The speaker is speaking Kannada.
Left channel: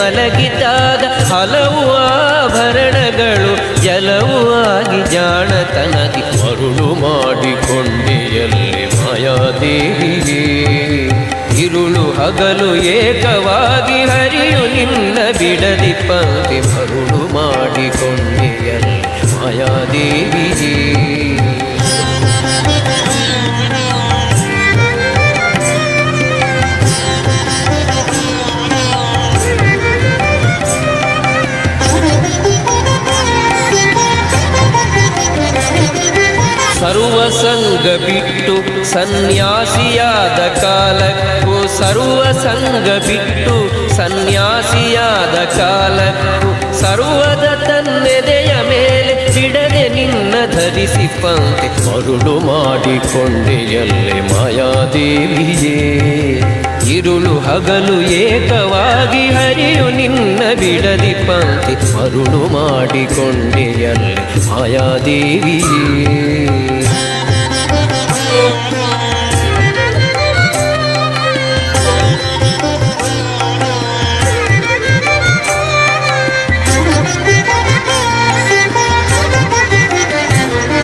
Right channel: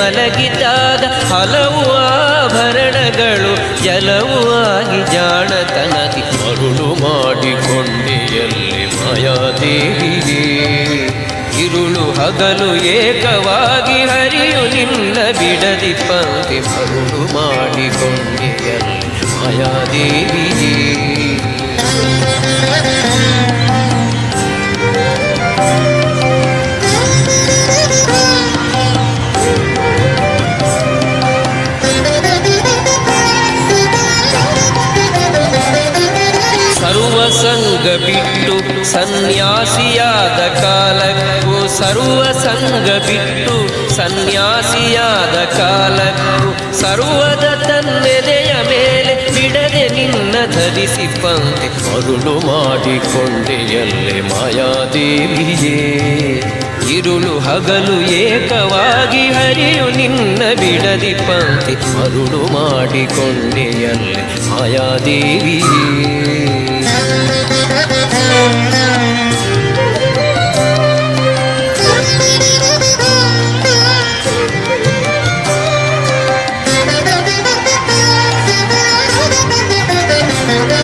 ಮಲಗಿದಾಗ ಹಲವು ಆಭರಣಗಳು ಜಲವು ಆಗಿ ಜಾಣತನದಿ ಮರುಳು ಮಾಡಿಕೊಂಡೆಯಲ್ಲಿ ಮಾಯಾದೇವಿಯೇ. ಇರುಳು ಹಗಲು ಏಕವಾಗಿ ಹರಿಯು ನಿನ್ನ ಬಿಡದಿ ಪಂಕ್ತಿ ಮರುಳು ಮಾಡಿಕೊಂಡೆಯಲ್ಲಿ ಮಾಯಾದೇವಿಯೇ. ಸರ್ವಸಂಗ ಬಿಟ್ಟು ಸನ್ಯಾಸಿಯಾದ ಕಾಲಕ್ಕೂ ಸರ್ವಸಂಗ ಬಿಟ್ಟು ಸನ್ಯಾಸಿಯಾದ ಕಾಲಕ್ಕೂ ಸರ್ವದ ತನ್ನೆದೆಯ ಮೇಲೆ ಬಿಡದೆ ನಿನ್ನ ಧರಿಸಿ ಪಂಕ್ತಿ ಮರುಳು ಮಾಡಿಕೊಂಡೆಯಲ್ಲೇ ಮಾಯಾದೇವಿಯೇ. ಇರುಳು ಹಗಲು ಏಕವಾಗಿ ಹರಿಯು ನಿನ್ನ ಬಿಡದಿ ಪಂಕ್ತಿ ಮರುಳು ಮಾಡಿಕೊಂಡೆಯಲ್ಲೇ ಮಾಯಾದೇವಿಯೇ.